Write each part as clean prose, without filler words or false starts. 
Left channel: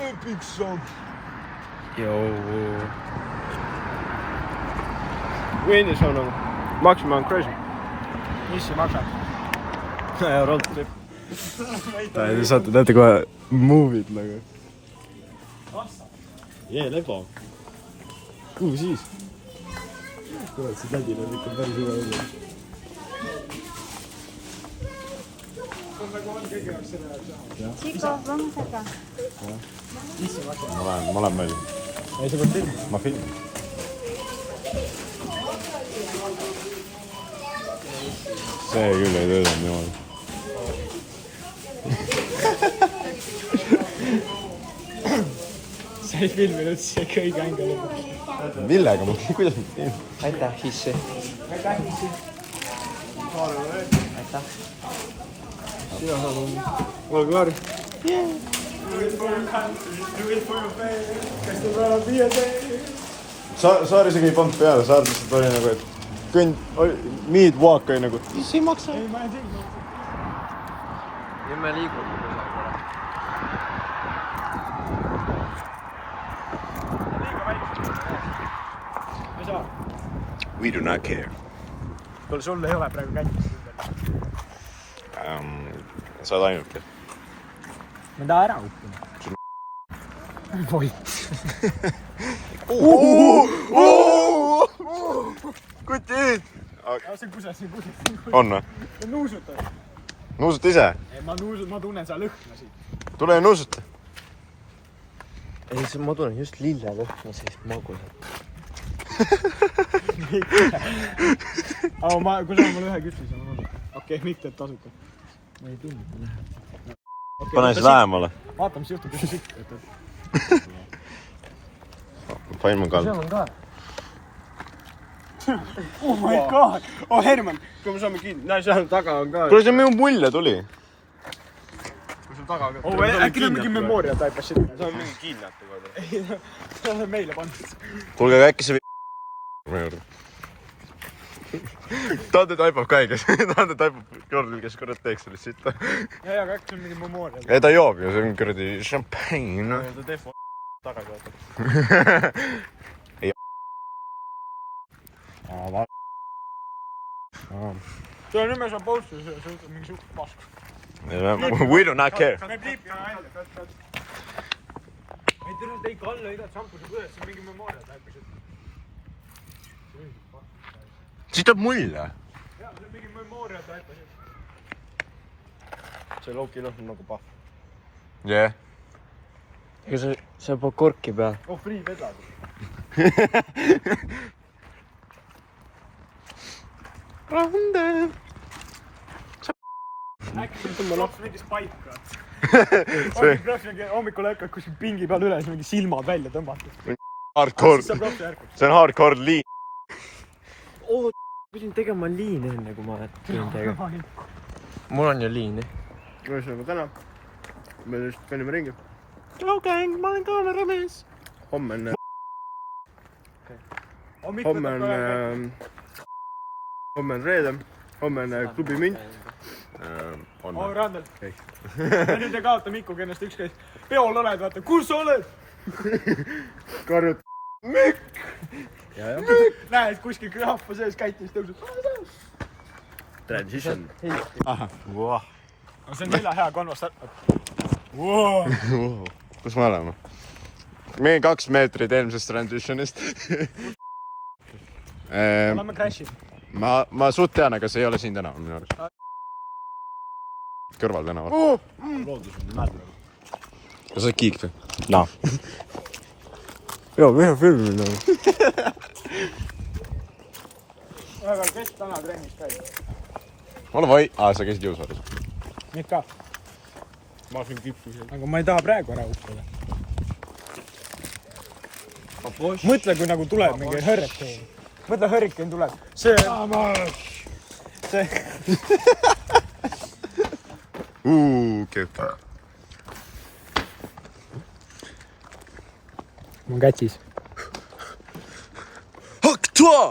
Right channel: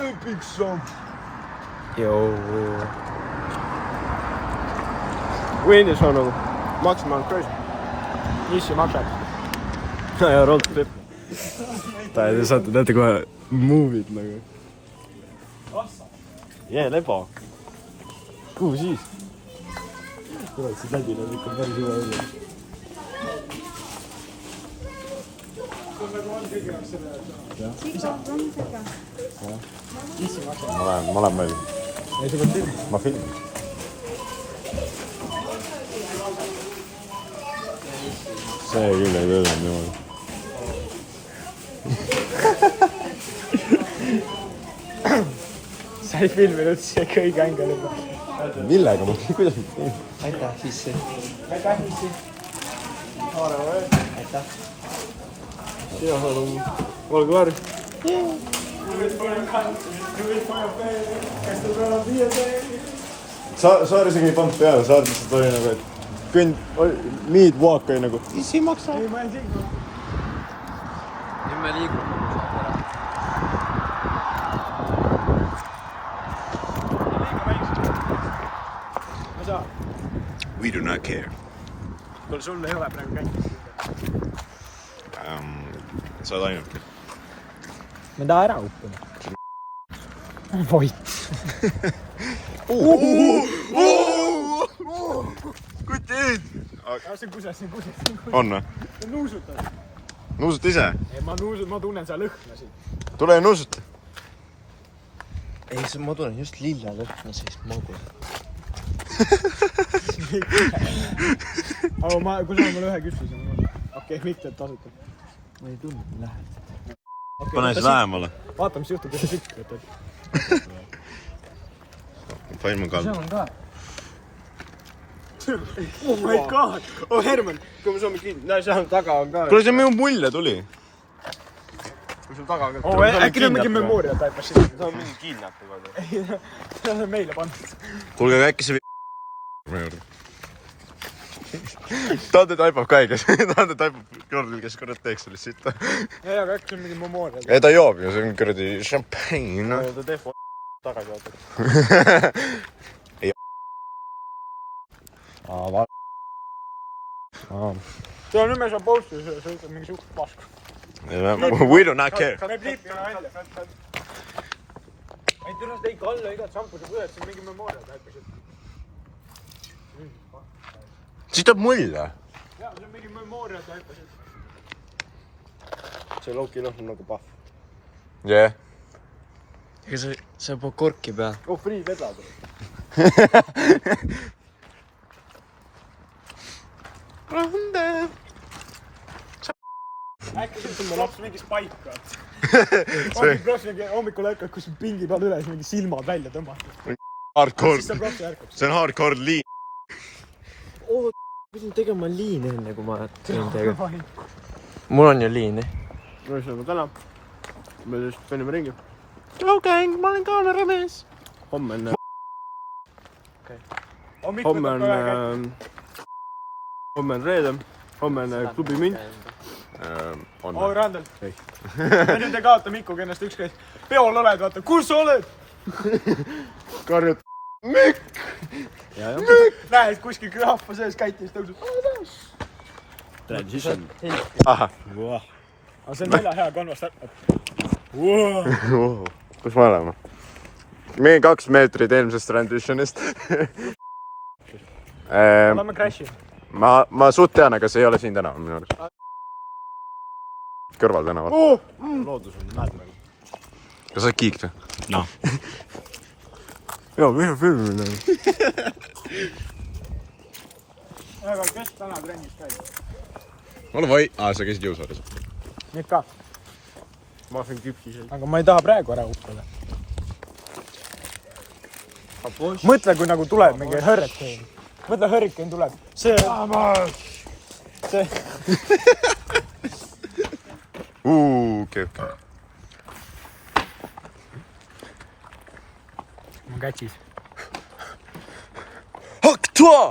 Epic song. Joo. Windows on nagu Maximum Crazy. Mis see maksab? Road trip. Te saate näete kohe movie'd nagu. Lebo. Kuhu siis? Kurat, see tädil on ikka päris hüva õige. Chico, vamos acá. Ma lähen välja. Ei, sa pead filmi. Ma filmin. See küll ei töötanud niimoodi. Sa ei filminud see kõige ainult lõpuks. Millega ma? Kuidas ma filmin? Aitäh, Hissi. Aitäh, Hissi. Aitäh. Olgu väärt. Saar isegi ei pannud peale, Saar lihtsalt oli nagu, et meet walk oli nagu, mis ei maksa. Ei, ma ei tea. Nüüd me liigume kusagil ära. Ma saa. We do not care. Kuule, sul ei ole praegu käinud. Sa oled ainult. Ma tahan ära õppida. Voit. Kui teed? See on kuses. On või? Nuusuta. Nuusuta ise? Ei, ma tunnen seal lõhna siit. Tule ja nuusuta. Ei, ma tulen just lille lõhna sellist magus. Aga kui sa mulle ühe küpsise. Okei, Mikk teeb tasuta. Ma ei tunne, et läheb. Pane siis lähemale. Vaata, mis juhtub, kui sa siit võtad. Paim on kall. Oh my god! Oh Herman, kui me saame kinni. Näe, seal taga on ka. Kuule, see minu mulje tuli. Kui sul taga on ka. Äkki ta on mingi memooria taipab sinna. See on mingi kidnapu. See on meile pandud. Kuulge, äkki see Tante taipab ka õiges. Tante taipab kordil, kes korrad teeks sellest sitta. Ei, aga äkki see on mingi memooria. Ei, ta joob ju, see on kuradi champagne. Ta teeb tagasi vaata. Ei. See on nimes on posti, see on mingi suht pask. We do not care. Sa näeb liitka välja. Ei, tõenäoliselt ei kalla igat sampuse põdes, see on mingi memooria taipab. Siis tuleb mulje. Jaa, see on mingi memooria taipab. See Loki noh on nagu pahv. Jee. Ega sa pead korki peal. Oh, free vedad. Rande. Äkki see laps mingis paika. Hommikul ärkad kuskil pingi peal üles, mingi silmad välja tõmmatud. Hardcore. See on hardcore liin. Pidin tegema liine enne, kui ma tulin teiega. Mul on ju liini. Ühesõnaga täna. Me just panime ringi. Okei, ma olen kaameramees. Homme on reede. Homme on klubi münt. Oh, Randel. Ja nüüd ei kaota Mikuga ennast ükskõik. Peol oled, vaata. Kus sa oled? Karjud. Mikk! Näed kuskil rahva sees käitumist tõusud. Transition. Ahah. Aga see on nelja hea konvast. Kus me oleme? Meie 2 meetrit eelmisest transitionist. Oleme crash'id. Ma suht tean, aga see ei ole siin tänaval minu arust. Kõrval tänaval. Loodus on näeb nagu. Kas sa oled kiik või? Naa. Joo, mihin filmina? Aga kes täna trennis käib? Ma olen vai... sa käisid jõusaaris. Nüüd ka. Ma olen küpsiseid. Aga ma ei taha praegu ära uppuda. Mõtle, kui nagu tuleb mingi hurricane. Mõtle, hurricane tuleb. See... Okei. Ma on kätsis. Haktua!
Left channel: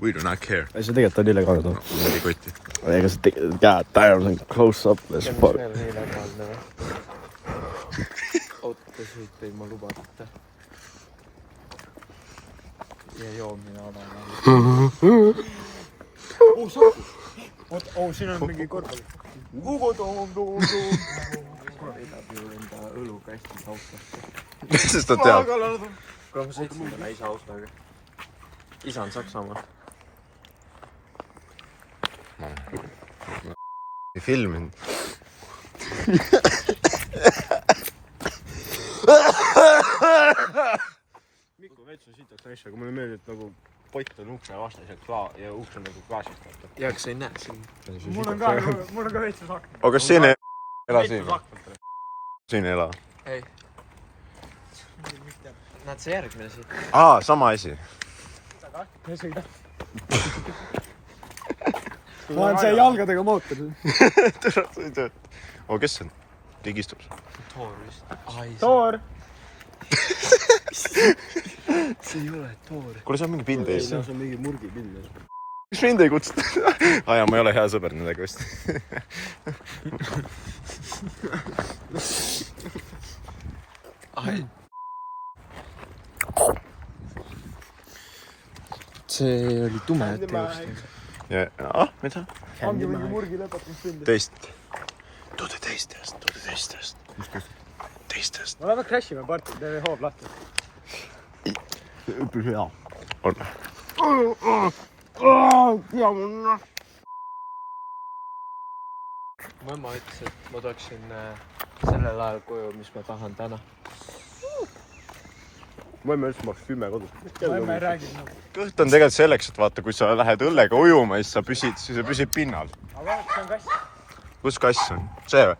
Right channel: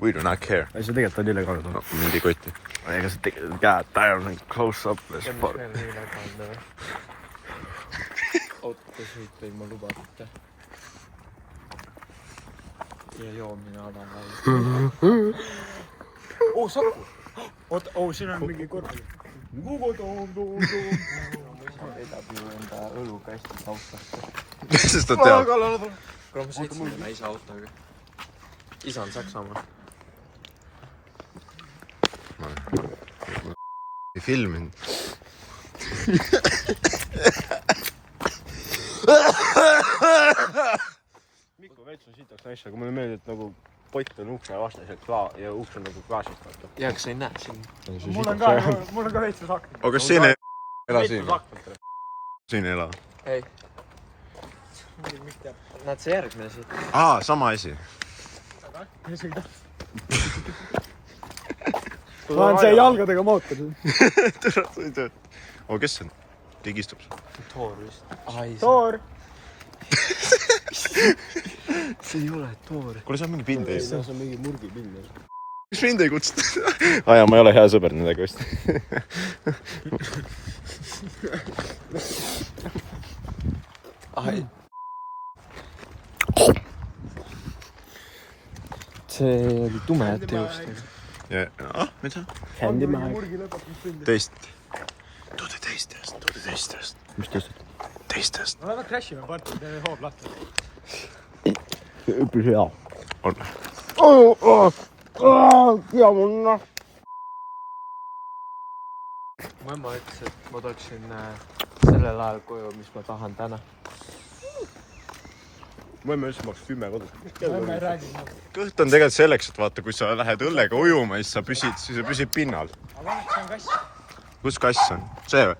We do not care. ei, see tegelikult on illegaalne. No, mind ei kotti. Ega see käed tajanud on close up. autosõit ilma lubata. Ja joomine avanema. Oota, siin on mingi kõrval. Ugo toom. Edab ju enda õlukasti autosse. Sest ta teab. Kuule, ma sõitsin selle isa autoga. Isa on Saksamaa. Ma ei filminud. Mikko veits on sitaks naisse, aga mulle meeldib, et nagu pott on ukse vastas ja uks on nagu klaasist. Ja, kas sa ei näe siin? Mul on ka veitsus akna. aga kas siin ei ela siin? Siin ei ela. Ei. Nad see järgmine siit. Sama asi. Ma olen see jalgadega mootor. Kes see on? Keegi istub seal. Toor vist. Toor. See ei ole toor. Kuule, see on mingi pind ees. See on mingi murgipind. Miks mind ei kutsuta? Ma ei ole hea sõber nendega vist. See oli tume teost. Mida? Händimaeg. Teist. Too the teistest. Mis teist? Teistest. No lähme crashime parti, teeme hoob lahti. Üpris hea. On. Ja munna. Mu ema ütles, et ma tooksin sellel ajal koju, mis ma tahan täna. Mu emme üldse maks 10 kodus. Ma ei räägi nagu. Kõht on tegelikult selleks, et vaata, kui sa lähed õllega ujuma, siis sa püsid pinnal. Aga see on kass. Kus kass on? See või?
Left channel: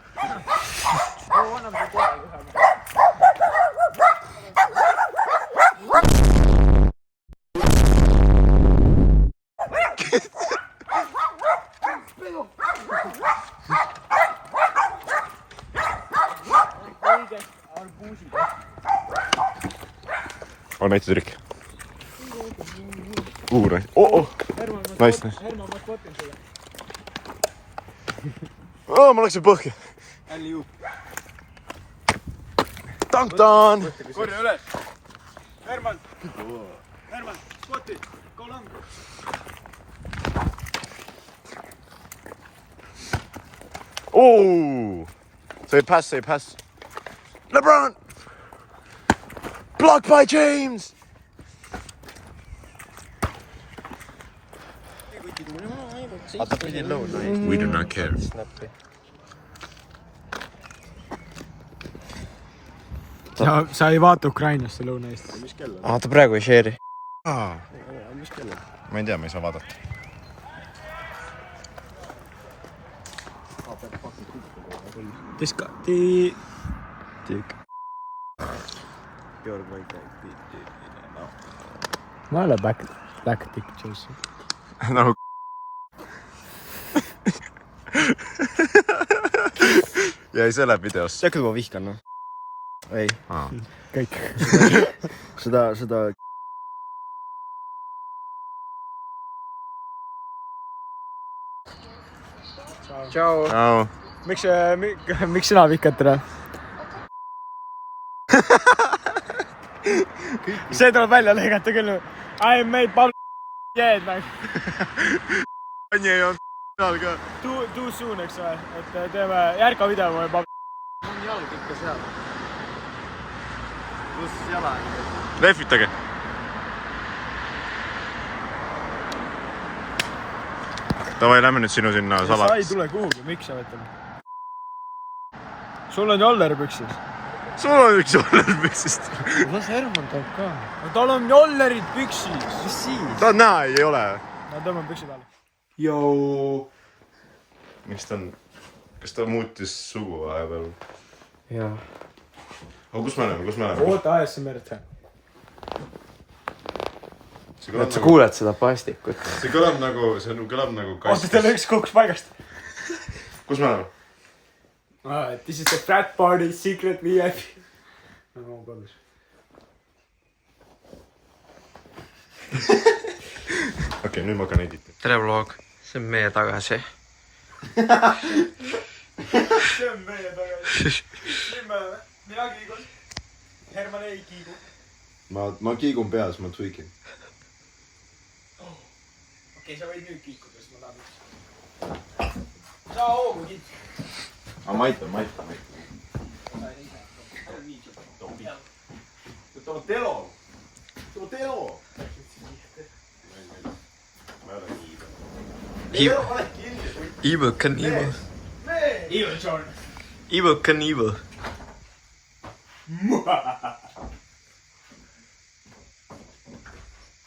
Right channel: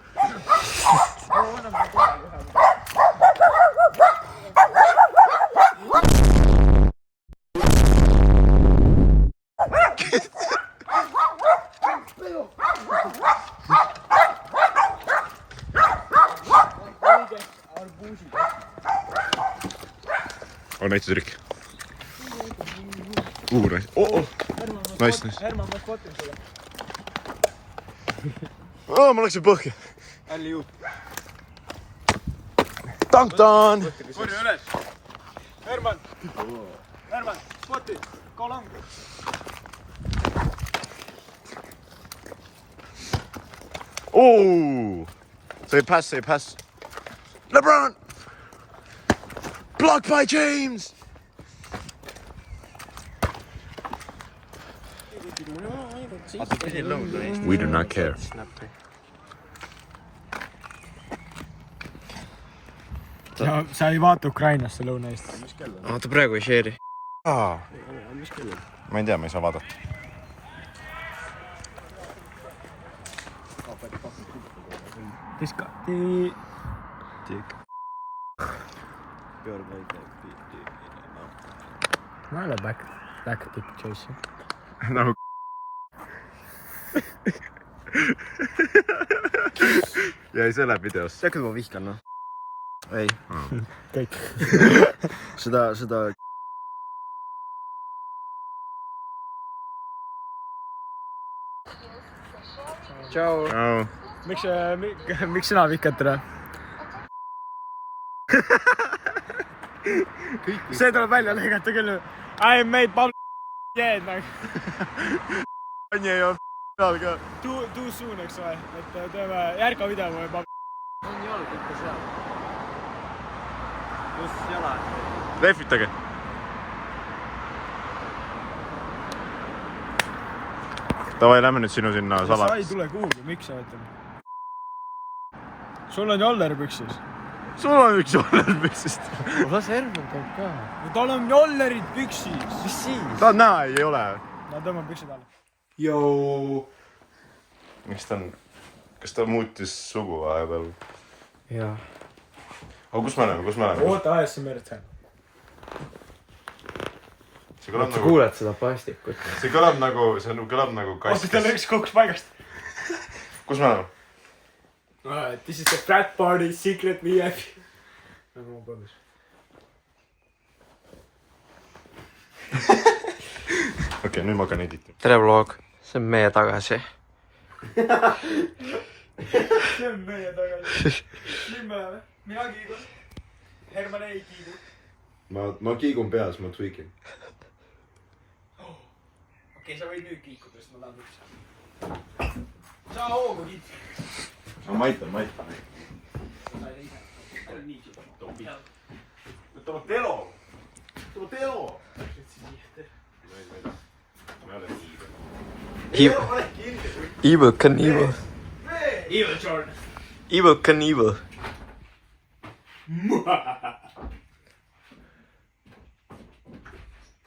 On näitud trikk. Nice. Nice. Herman, ma spotin sulle. Ma läksin põhja. Älli juut. Tank-tan! Korja üles. Herman, spoti. Go long. Say pass. LeBron! Blocked by James! We do not care. Sa ei vaata Ukrainasse Lõuna-Eestis. Ta praegu ei share'i. Ma ei tea, ma ei saa vaadata. Ma ei ole back pictures. Nagu jäi selle videosse. See küll ma vihkan, noh. Ei. Kõik. Seda... Ciao. Miks sina vihkad teda? See tuleb välja lõigata küll. I made pal... Jääd nagu. Anni ei olnud seal ka. Too soon, eks ole. Et teeme järga video või pal... On jalg ikka seal. Just jala. Lehvitage. Davai, lähme nüüd sinu sinna salat. Sa ei tule kuhugi, miks sa võtad? Sul on jollerpüksis. Sul on üks jollerpüksist. Las Herman toob ka. Tal on jollerid püksis. Mis siis? Ta näe, ei ole. Ma tõmban püksid alla. Jou. Miks ta on... Kas ta muutis sugu vahepeal? Jaa. Aga kus me oleme? Oota ASMR-t see. Sa kuuled seda paastikut. See kõlab nagu kass. Oota, teil üks kukks paigast. Kus me oleme? This is the frat party, secret VIP. Nagu on kodus. okei, nüüd ma hakkan editima. tere vlog, see on meie tagasi. see on meie tagasi. Nüüd me oleme. Mina kiigun. Herman ei kiigu. Ma kiigun peas, ma tweakin. Okei, sa võid nüüd kiikuda, sest ma tahan üks. Saa hoogu kiiku. Ma aitan. Toma telo. Ma ei ole kiiben. Evil Knievel. Evil Jordan. Evil Knievel.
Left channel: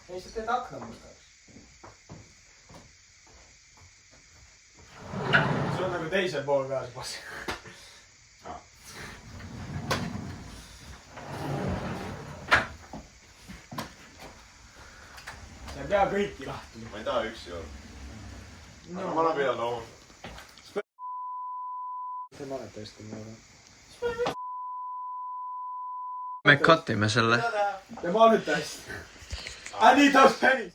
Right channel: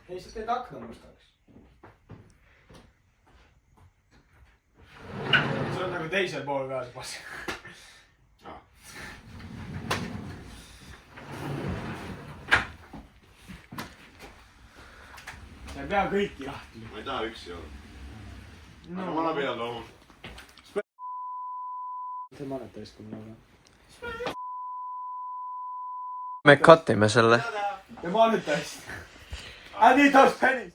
Ei, sa teed akna mustaks. See on nagu teise pool peal, boss. Sa ei pea kõiki lahti. Ma ei taha üksi olla. Aga ma pean looma. See mälet hästi mulle. Me cutime selle. Ja ma nüüd hästi. I need those pennies.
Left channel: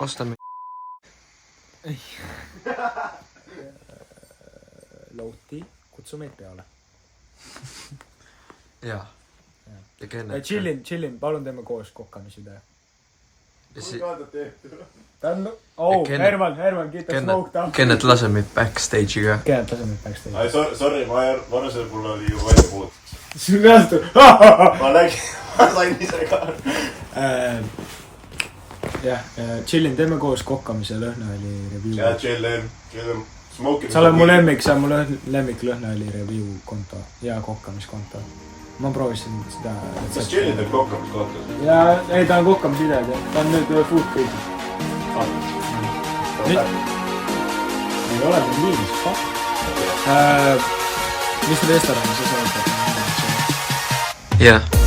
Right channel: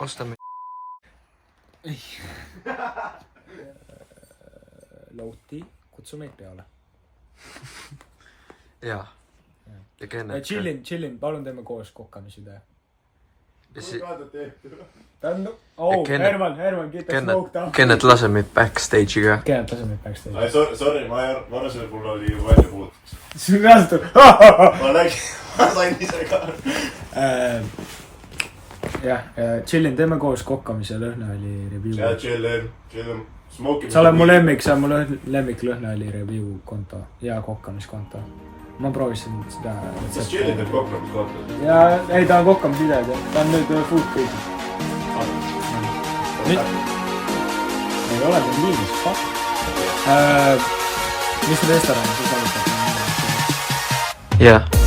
Ostame. Louti, kutsu meid peale. Jaa. Ja Kennet. Chillin, palun teeme koos kokamisvideo. Kennet- Herman, get the smoke down. Kennet lase meid backstage'i ka. Kennet lase meid backstage. Sorry, ma arvasin, et mul oli ju välja puud. Sul reaalselt Ma sain ise ka. jah, chillin, teeme koos kokkamise lõhnaõli review. Ja chillin. Sa oled mu lemmik, sa on mu lemmik lõhnaõli review konto ja kokkamiskonto. Ma proovisin seda. Kas chillin teeb kokkamiskonto? Ja ei, ta on kokkamisvideod ja ta on nüüd food crisis. Ei ole meil viimis, fuck. Mis restoranis sa saad? Jah.